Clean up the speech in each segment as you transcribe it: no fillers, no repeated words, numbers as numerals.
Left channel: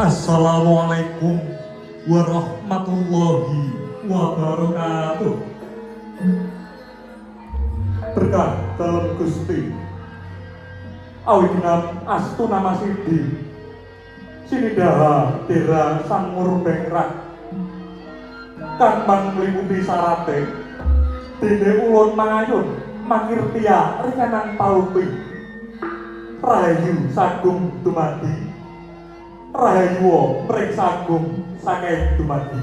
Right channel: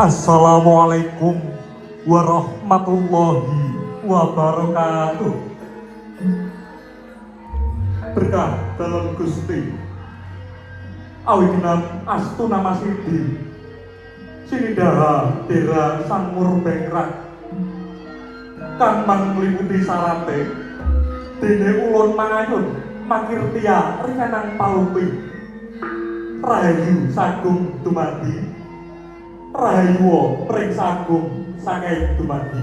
Assalamualaikum warahmatullahi wabarakatuh. Berkah dalam Gusti awinan astuna masidi sinidaha dera sang murbengrak kang mangliputi sarate dene ulun mangayun mangirtia rencanang pauti rahayu sagung dumadi Rahayu pring sagung sangai dumadi.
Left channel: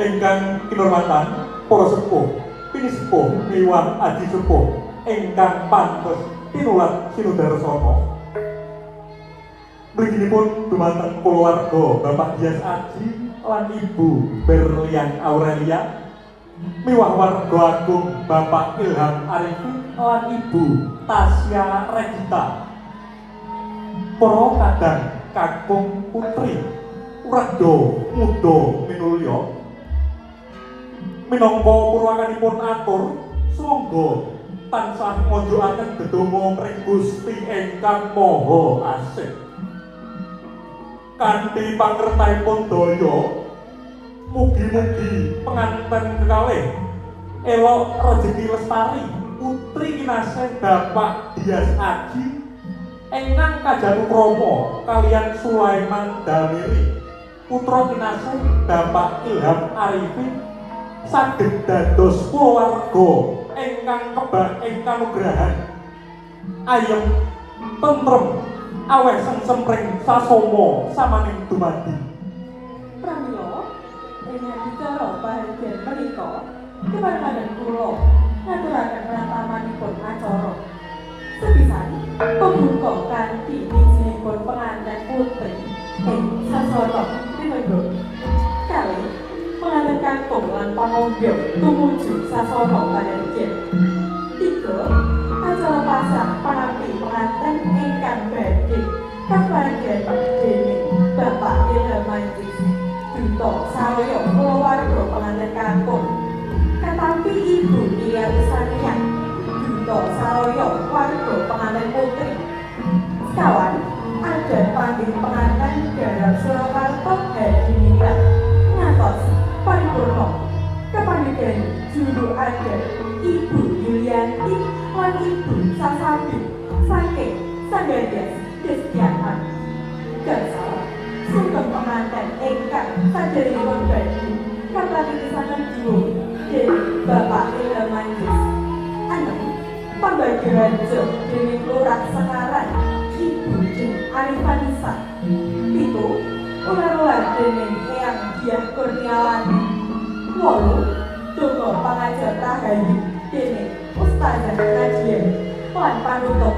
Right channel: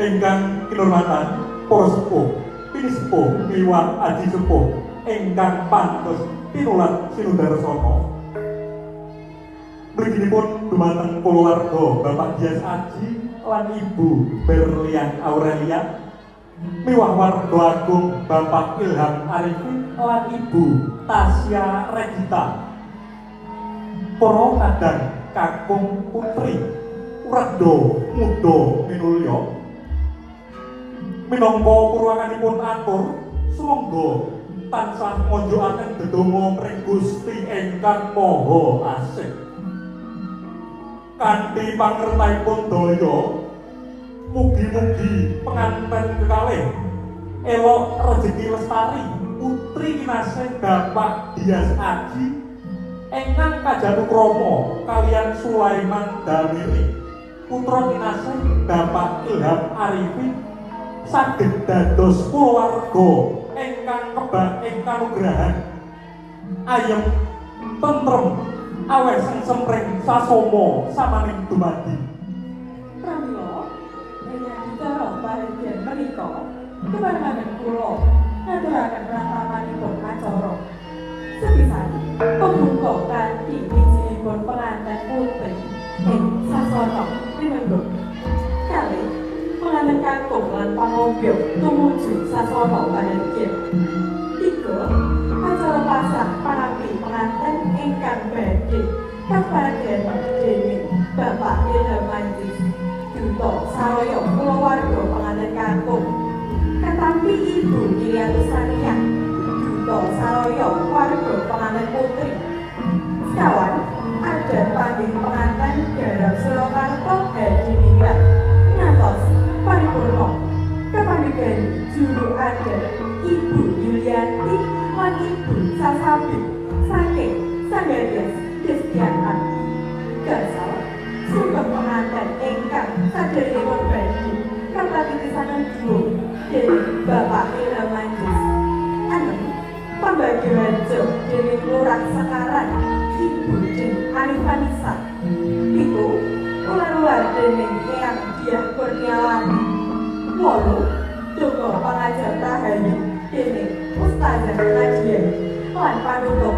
Engkang kinurmatan para sepuh pinisepuh miwah adi sepuh engkang pantes tinular sinundara sapa. Mrikipun dumateng kulawarga Bapak Dias Aji lan Ibu Berlian Aurelia miwah warga agung Bapak Ilham Arifin lan Ibu Tasya Regita. Para kadang kakung putri rada muda minulya minangka purwanganipun atur sumangga tansah nganjuraken dedonga pring Gusti ingkang Maha Asih kanthi pangertanipun daya mugi-mugi penganten kekalih elok rejeki lestari putri kinasih Bapak Dias Aji engkang Kajanukrama kaliyan Sulaiman Damiri putra kinasih Bapak Ilham Arifin saged dados kulawarga ingkang kebak ing kanugrahan ayem tentrem aweh sempring sasoma samaning dumadi. Pramila menyang cara paredyan menika keparengipun kula ngaturaken pramanaipun acara sepisan pembuka kanthi izinipun pengantin putri ing sasana pinunjuk kali pengantin kakung lan pamonggo tumuju sasana paredyan tiga acara pasar parapi pengantin ingkang badhe kaparedyan dening Bapak Ilham Arifin Duta Saraya kulawarga pengantin kakung tetapi Ibu Lia Lusania Duta Saraya warga pengantin putri kawan ada panggih pengantin dalam Surakarta Hadi Ningrat ngantos paripurna kepanggih juru ada Ibu Yulianti lan Ibu Sasabi saking Sanggadias Destiana Gasal sungguh pengantin ingkang saderengipun badhe kapatitisaken dhuwur dening Bapak Ilham Arifin anak pembagian job dening Lurah Sekaran Ibu Jen Arifanisa itu ular-ular dening Eyang Diah Kurniawati wolu donga pangajar tahayu dening Ustazah Nadia lan panutup